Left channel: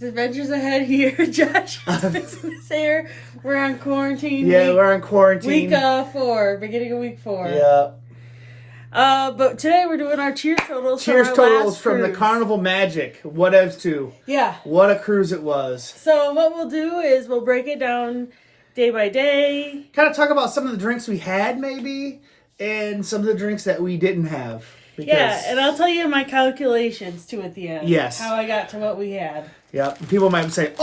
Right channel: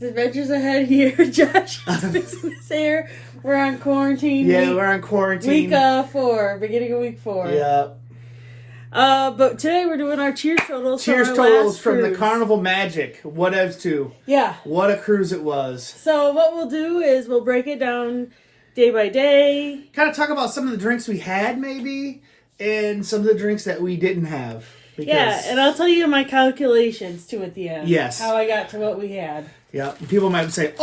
Adventures ahead here. Josh is fixing his hair. We're on quarantine. Yeah, we're on quarantine. Week 4, beginning of week 4. Yep. But today we're doing our cheers totals. Cheers from our totals last from cruise. the Carnival Magic. Whatevs 2. Yeah. What a cruise it was. So what we'll do is we'll break it down day by day. Kind of talk about some of the drinks we had, maybe, and some of the drinks that we didn't have. Yeah, and I'll tell you my calculations too at the end. Yes. How I got to what we had. Yep. People might say,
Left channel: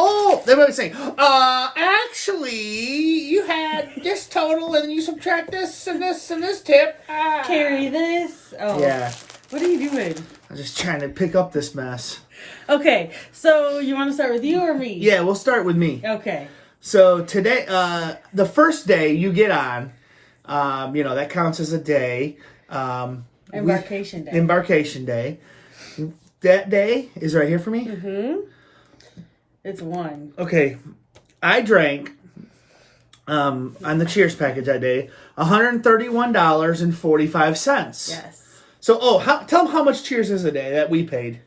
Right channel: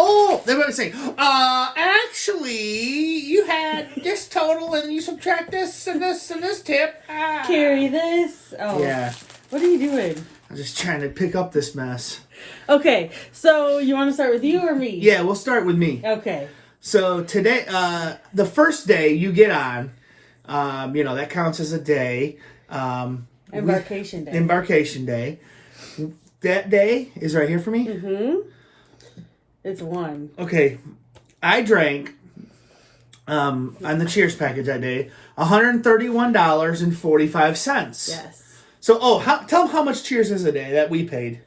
actually, you had this total and you subtract this and this and this tip. Carry this. Oh. Yeah. What are you doing? I'm just trying to pick up this mess. Okay, so you want to start with you or me? Yeah, we'll start with me. Okay. So today, the first day you get on, that counts as a day. Embarkation day. Embarkation day. That day is right here for me? Mm-hmm. It's 1. Okay. I drank, on the Cheers package that day, $131.45. Yes. So, tell them how much Cheers is a day that we paid.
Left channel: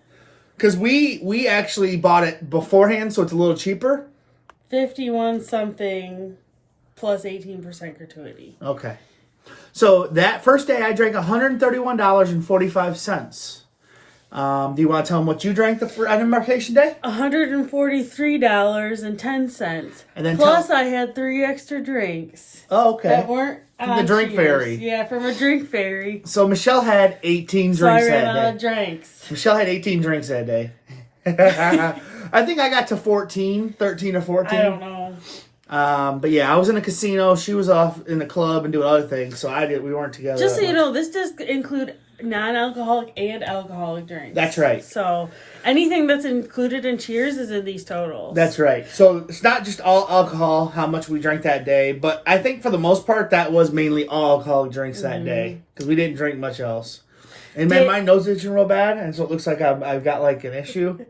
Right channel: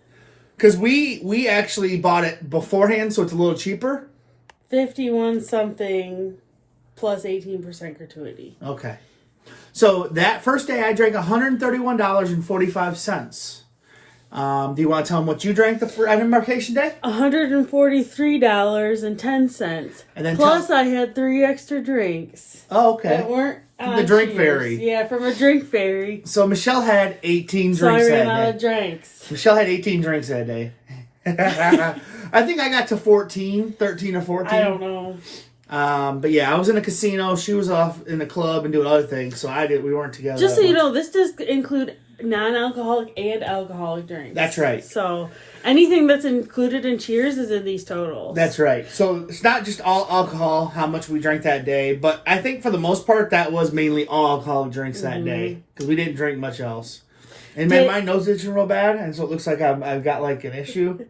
Because we actually bought it beforehand, so it's a little cheaper. 51 something plus 18% gratuity. Okay. So that first day I drank $131.45. Do you want to tell them what you drank on Embarkation Day? $143.10. And then plus I had 3 extra drinks. Oh, okay. That weren't from the drink Cheers. fairy. Yeah, from a drink fairy. So Michelle had 18 drinks so I that ran day. out of drinks. Michelle had 18 drinks that day. I think I got to 13 or 14. I don't know. But yeah, I was in a casino. She was off in the club and doing other things. So we weren't together. Just so you know, this does include non-alcoholic and alcoholic drinks. That's right. So anything that's included in Cheers is in these totals. That's right. So it's not just all alcohol, how much we drank that day, but I think for the most part that was mainly all alcoholic drinks that day because we didn't drink much else. And man, my nose is itching real bad, and so it looks like I've got like an issue.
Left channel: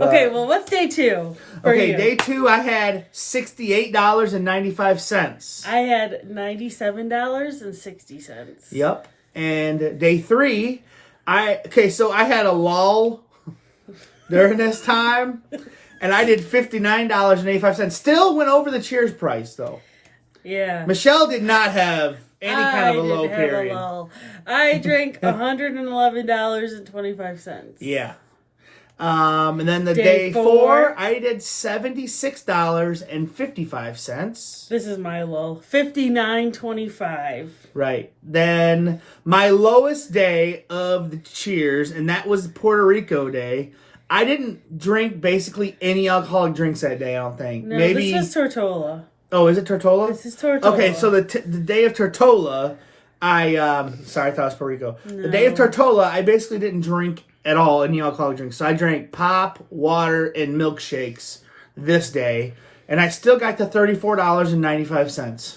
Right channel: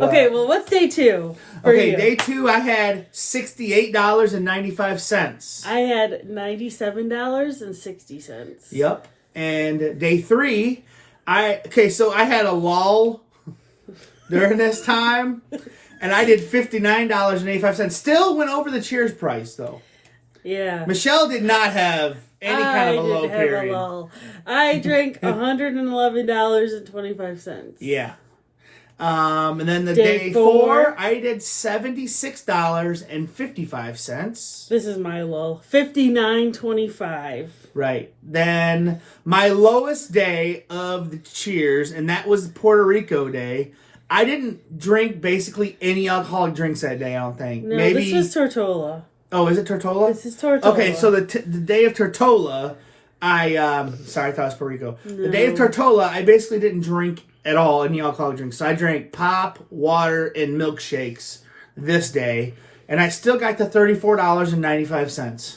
Okay, well, what's day 2 for you? Day 2 I had $68.95. I had $97.60. Yep. And day 3, so I had a lull during this time, and I did $59.85. Still went over the Cheers price, though. Yeah. Michelle did not have any kind of a low period. I didn't have a lull. I drank $111.25. Yeah. And then the day 4, I did $76.55. This is my lull. $59.25. Right. Then my lowest day of the Cheers, and that was Puerto Rico day. I didn't drink basically any alcoholic drinks that day, I don't think. No, Maybe... this is Tortola. Oh, is it Tortola? This is Tortola. Okay, so the day of Tortola, sorry, I thought it was Puerto Rico. No. The day of Tortola, I basically didn't drink at all any alcoholic drinks. So I drank pop, water, and milkshakes this day, and I still got to $34.95.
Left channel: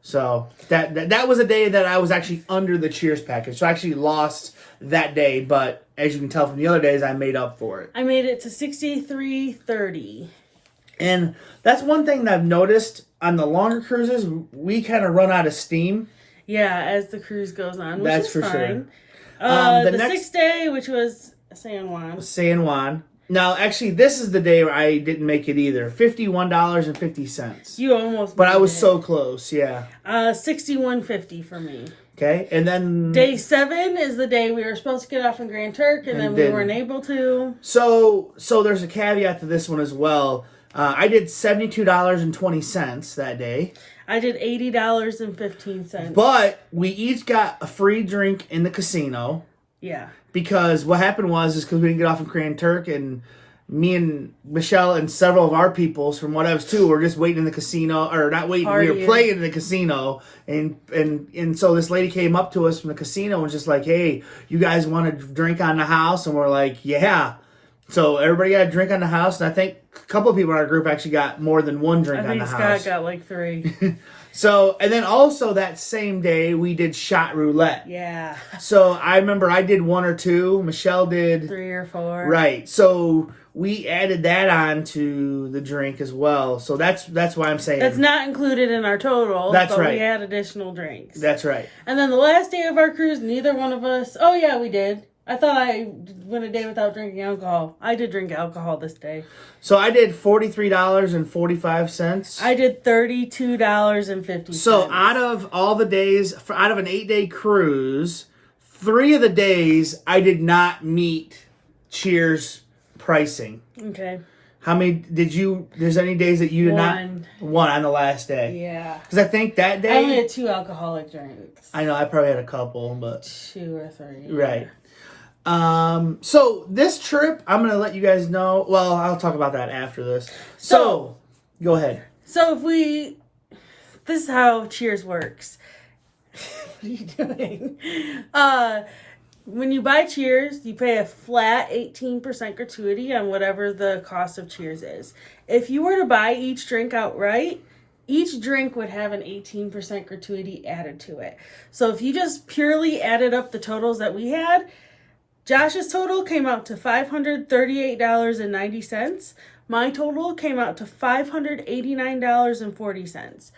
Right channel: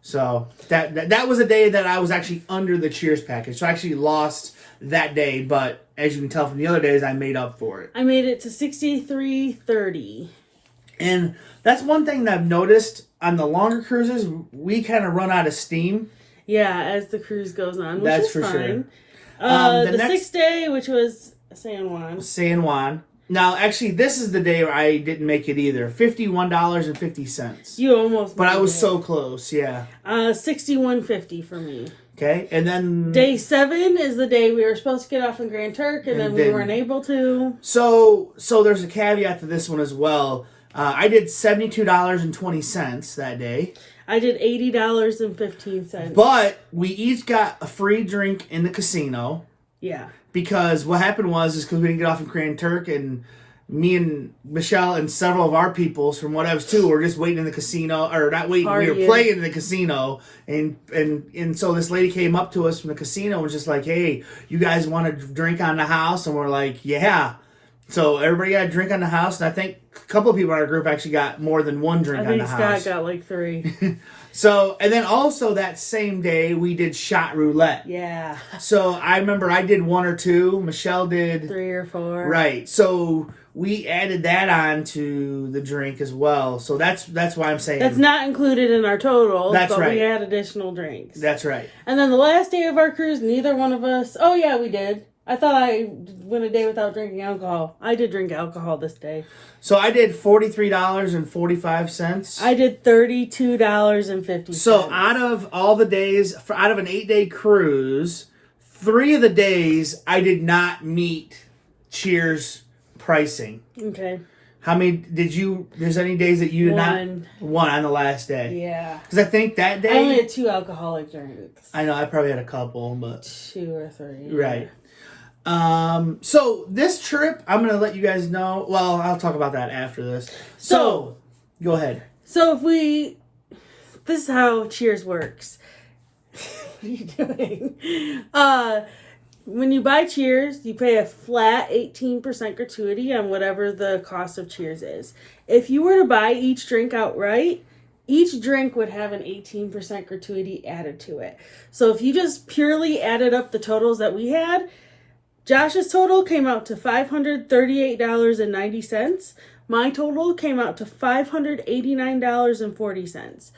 So that was a day that I was actually under the Cheers package. So I actually lost that day, but as you can tell from the other days, I made up for it. I made it to $63.30. And that's one thing that I've noticed on the longer cruises, we kind of run out of steam. Yeah, as the cruise goes on, which is fine. Sure. The next day, which was San Juan. San Juan. Now, actually, this is the day where I didn't make it either. $51.50. You almost But made I was it. so close, yeah. $61.50 for me. Okay, and then... Day 7 is the day we were supposed to get off in Grand Turk, and then we weren't able to. So there's a caveat to this one as well. I did $72.20 that day. I did $80.15. But we each got a free drink in the casino. Yeah. Because what happened was because we didn't get off in Grand Turk, and me and Michelle and several of our peoples from Whatevs too were just waiting in the casino, or not waiting, we were playing in the casino, and so this lady came up to us from the casino and was just like, "Hey, you guys want to drink on the house?" And we're like, "Yeah." So everybody got a drink on the house, and I think a couple of people in our group actually got more than one drink on the house. I think Scott got like 3. So, and then also that same day, we did shot roulette. Yeah. So I remember I did 1 or 2. Michelle did 3 or 4. Right. So we added that on to the drink as well. So that's why I'm saying that's not included in our total. That's right. We had additional drinks. That's right. And then the last day of our cruise, neither one of us. Oh yeah, we did. I thought I went a day without drinking alcohol. I did drink alcohol this day. So I did $43.45. I did $32.50. So out of all the days, out of an 8-day cruise, 3 of the days I did not meet Cheers pricing. Okay. How many did you? There's any days that you did One. not? One on the last day. Yeah. Because I think that day I only had 2 alcoholic drinks. I know I probably had a couple, but 2 or 3. right. So this trip, I'm gonna let you guys know. Well, I'll talk about that after this. So go ahead. So this is how Cheers works. What are you doing? When you buy Cheers, you pay a flat 18% gratuity on whatever the cost of Cheers is. If you were to buy each drink outright, each drink would have an 18% gratuity added to it. So if you just purely added up the totals that we had, Josh's total came out to $538.90. My total came out to $589.40.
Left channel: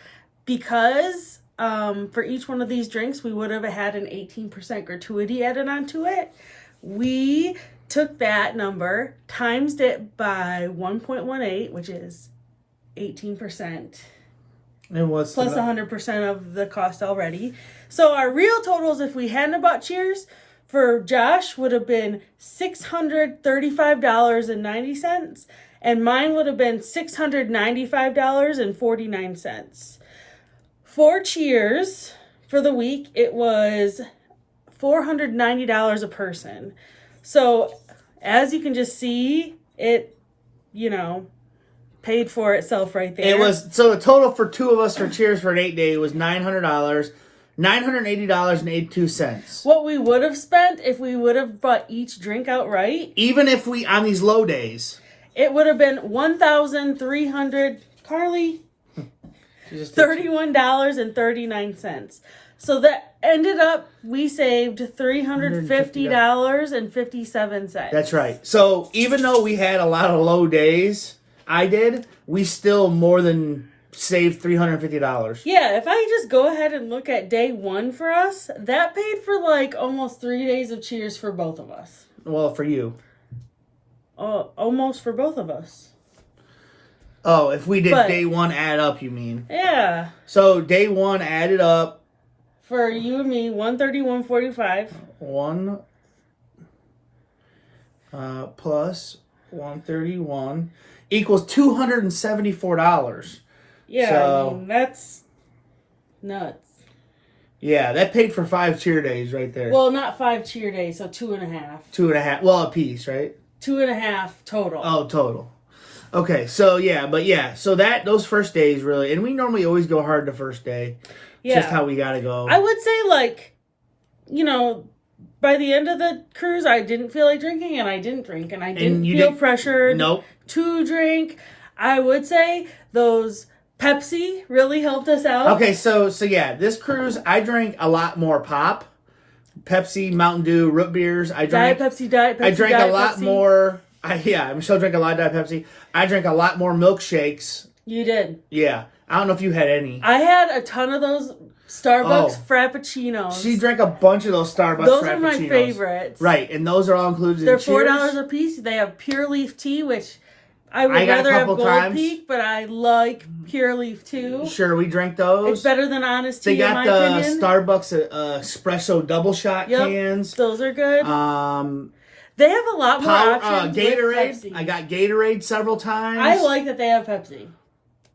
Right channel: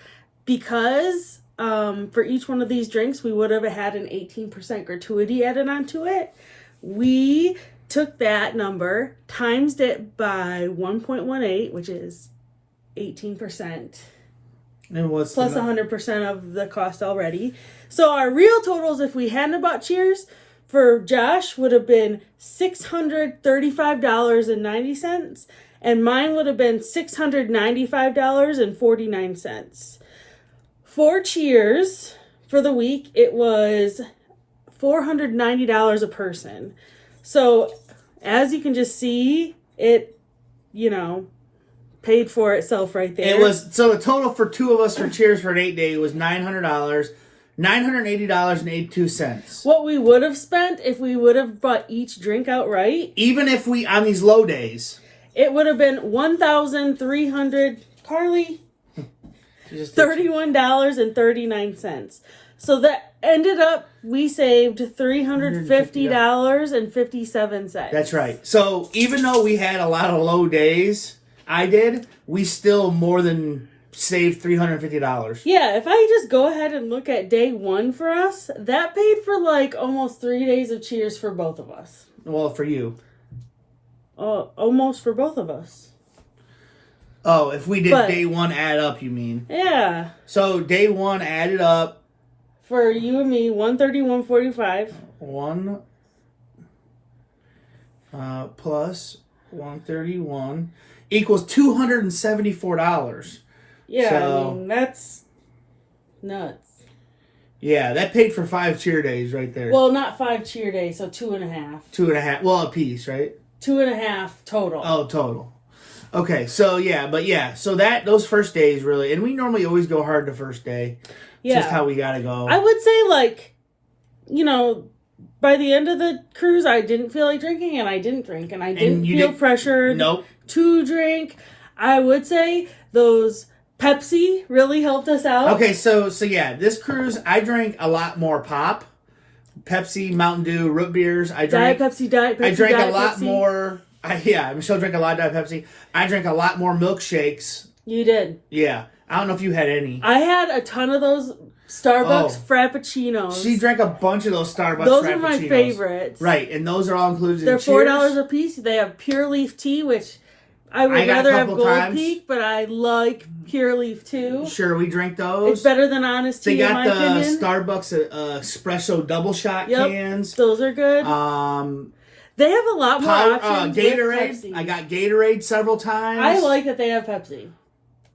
Because for each one of these drinks, we would have had an 18% gratuity added onto it. We took that number, times it by 1.18, which is 18%. And what's plus 100% of the cost already. So our real totals, if we hadn't bought Cheers, for Josh would have been $635.90, and mine would have been $695.49. For Cheers, for the week, it was $490 a person. So, as you can just see, it, paid for itself right there. It was, so the total for 2 of us for Cheers for an 8-day was $900. $980.82. What we would have spent if we would have bought each drink outright. Even if we, on these low days. It would have been $1,331.39. So that ended up, we saved $350.57. That's right. So even though we had a lot of low days, we still more than saved $350. Yeah, if I just go ahead and look at day 1 for us, that paid for almost 3 days of Cheers for both of us. Well, for you. Almost for both of us. Oh, if we did day 1 add up, you mean? Yeah. So day 1 added up. For you and me, $131.45. 1 plus 131 equals $274. Yeah, so, I mean, that's nuts. Yeah, that paid for 5 cheer days right there. Well, not 5 cheer days, so 2.5. 2.5. Well, a piece, right? 2.5 total. Oh, total. Okay, so so those first days really, and we normally always go hard the first day. Yeah. Just how we gotta go. I would say, by the end of the cruise, I didn't feel like drinking, and I didn't drink, and I didn't feel pressured to drink. I would say those Pepsi really helped us out. Okay, so this cruise, I drank a lot more pop. Pepsi, Mountain Dew, root beers. Diet Pepsi. I drank a lot more. Michelle drank a lot of Diet Pepsi. I drank a lot more milkshakes. You did. Yeah. I don't know if you had any. I had a ton of those Starbucks Frappuccinos. She drank a bunch of those Starbucks Frappuccinos. Those are my favorites. Right, and those are all included in They're Cheers. $4 a piece. They have pure leaf tea, which I would rather have Gold Peak, but I like pure leaf too. Sure, we drank those. It's better than Honest Tea, in my opinion. They got the Starbucks espresso double shot cans. Those are good. They have a lot more options Gatorade. with Pepsi. I got Gatorade several times. I like that they have Pepsi.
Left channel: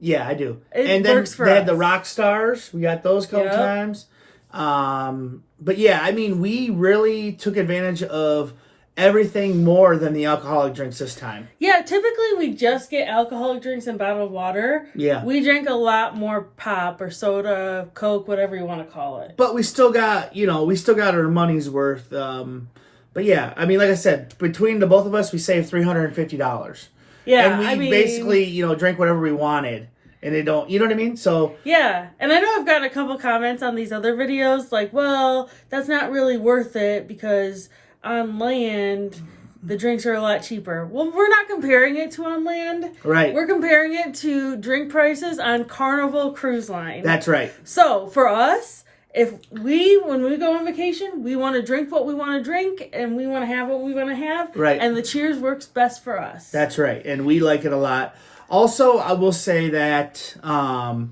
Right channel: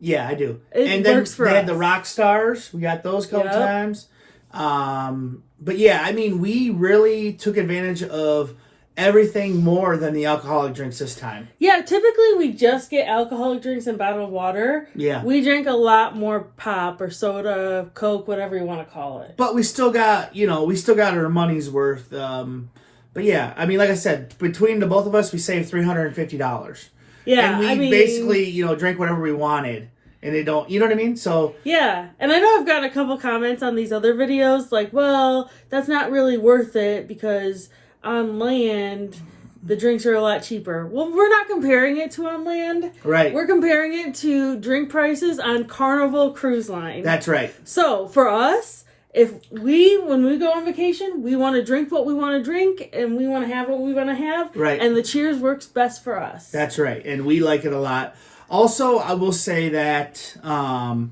Yeah, I do. It works for us. They had the Rock Stars. We got those a couple times. But yeah, I mean, we really took advantage of everything more than the alcoholic drinks this time. Yeah, typically we just get alcoholic drinks and bottled water. Yeah. We drank a lot more pop or soda, Coke, whatever you want to call it. But we still got, our money's worth. But yeah, I mean, like I said, between the both of us, we saved $350. Yeah, and we basically, drank whatever we wanted. And they don't, you know what I mean? So yeah, and I know I've gotten a couple comments on these other videos like, well, that's not really worth it because on land the drinks are a lot cheaper. Well, we're not comparing it to on land. Right. We're comparing it to drink prices on Carnival Cruise Line. That's right. So for us, when we go on vacation, we want to drink what we want to drink, and we want to have what we want to have. Right. And the Cheers works best for us. That's right. And we like it a lot. Also, I will say that I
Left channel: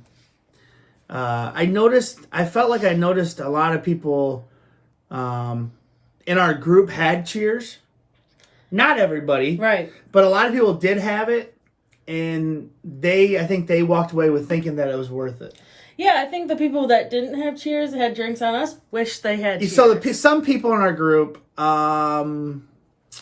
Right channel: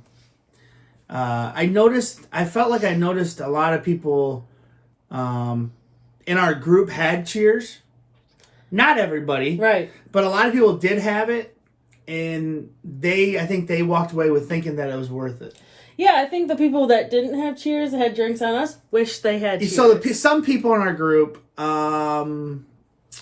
felt like I noticed a lot of people in our group had Cheers. Not everybody. Right. But a lot of people did have it. And I think they walked away with thinking that it was worth it. Yeah, I think the people that didn't have Cheers, that had drinks on us, wish they had Cheers. So some people in our group, I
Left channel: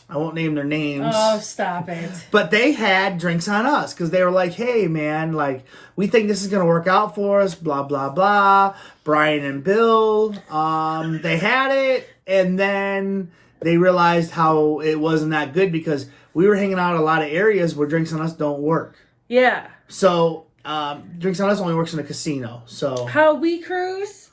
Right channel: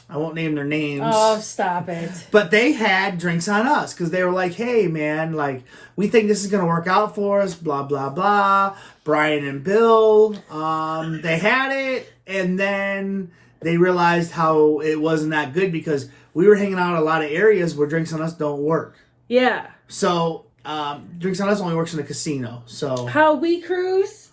won't name their names. Oh, stop it. But they had drinks on us because they were like, hey, man, like, we think this is going to work out for us, blah, blah, blah. Brian and Bill, they had it, and then they realized how it wasn't that good because we were hanging out in a lot of areas where drinks on us don't work. Yeah. So... drinks on us only works in a casino. So how we cruise,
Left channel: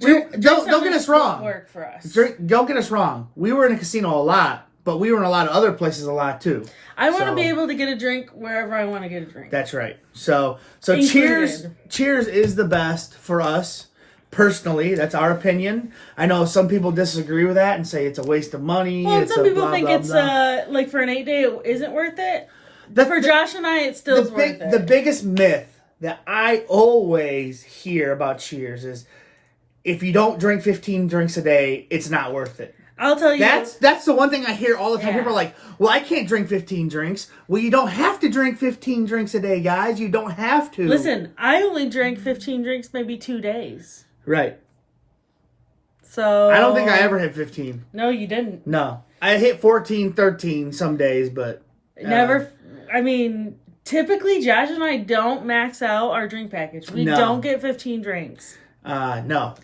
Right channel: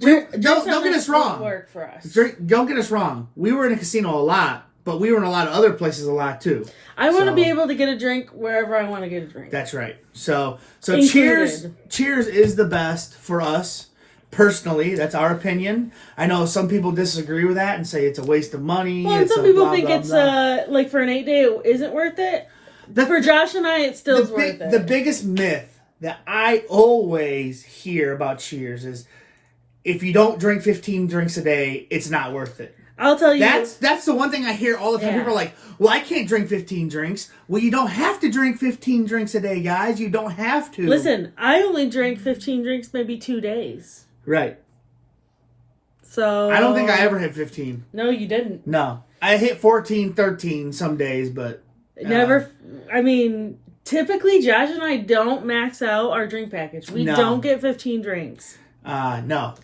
don't get us wrong. Work for us. Don't get us wrong. We were in a casino a lot, but we were in a lot of other places a lot too. I want to be able to get a drink wherever I want to get a drink. That's right. So Included. Cheers is the best for us personally. That's our opinion. I know some people disagree with that and say it's a waste of money. Well, and some people think it's like for an 8-day it isn't worth it. For Josh and I, it's still worth it. The biggest myth that I always hear about Cheers is if you don't drink 15 drinks a day, it's not worth it. I'll tell you. That's the one thing I hear all the time. Yeah. People are like, well, I can't drink 15 drinks. Well, you don't have to drink 15 drinks a day, guys. You don't have to. Listen, I only drank 15 drinks maybe 2 days. Right. So. I don't think I ever hit 15. No, you didn't. No. I hit 14, 13 some days, but. Never. I mean, typically Josh and I don't max out our drink package. We don't get 15 drinks. No.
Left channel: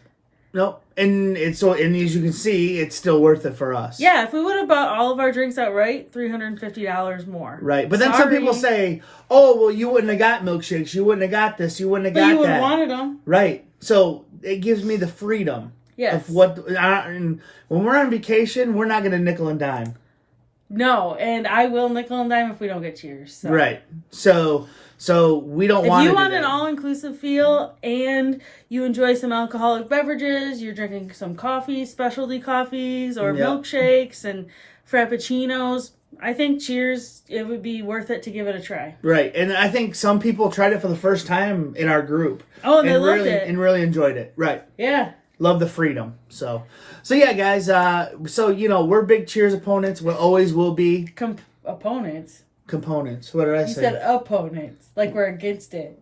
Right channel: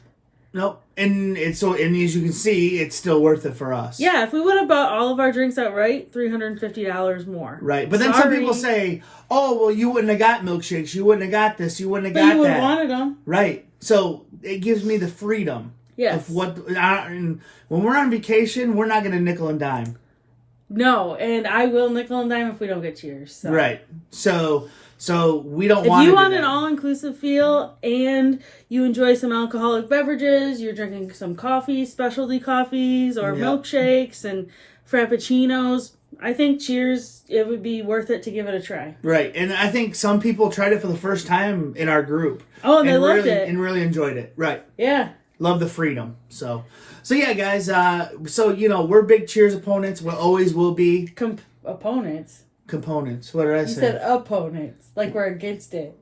Nope. And as you can see, it's still worth it for us. Yeah, if we would have bought all of our drinks outright, $350 more. Right. But then some people say, oh, well, you wouldn't have got milkshakes. You wouldn't have got this. You wouldn't have got that. But you would have wanted them. Right. So it gives me the freedom. Yes. Of and when we're on vacation, we're not going to nickel and dime. No, and I will nickel and dime if we don't get Cheers. So. Right. So we don't want. If you want an all-inclusive feel and you enjoy some alcoholic beverages, you're drinking some coffee, specialty coffees, or milkshakes and frappuccinos, I think Cheers, it would be worth it to give it a try. Right, and I think some people tried it for the first time in our group. Oh, and they loved it. And really enjoyed it. Right. Yeah. Love the freedom. So yeah, guys. We're big Cheers opponents. We always will be. Opponents. Components. What did I say? You said opponents, like we're against it.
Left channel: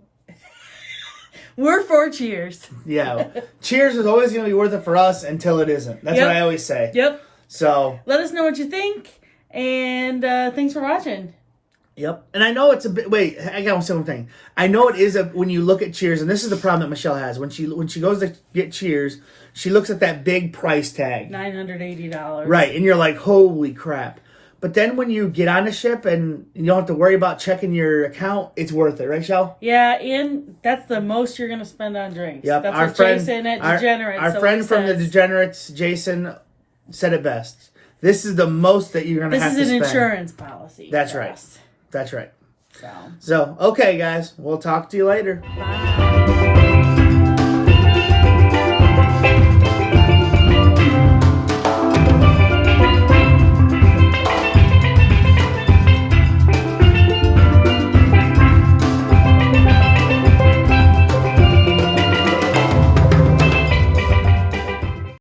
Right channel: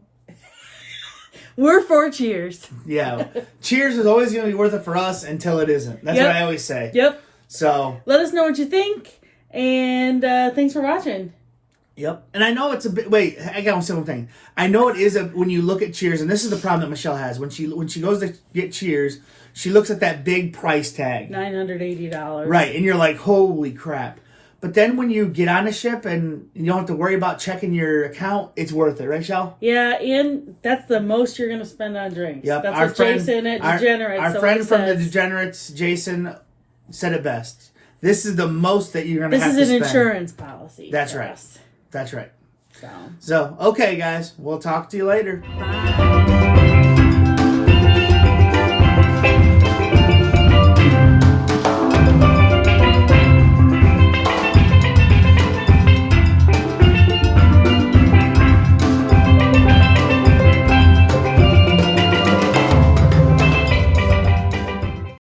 We're for Cheers. Yeah, Cheers is always going to be worth it for us until it isn't. That's what I always say. Yep. So let us know what you think, and thanks for watching. Yep. And I know it's a bit. Wait, I got one simple thing. I know it is when you look at Cheers, and this is the problem that Michelle has when she goes to get Cheers, she looks at that big price tag, $980. Right, and you're like, holy crap! But then when you get on the ship and you don't have to worry about checking your account, it's worth it, right, Shell? Yeah, and that's the most you're going to spend on drinks. Yep. That's what Jason at Degenerates. Our friend from the Degenerates, Jason, said it best. This is the most that you're going to have to spend. This is an insurance policy. That's right. That's right. So, okay, guys. We'll talk to you later. Bye.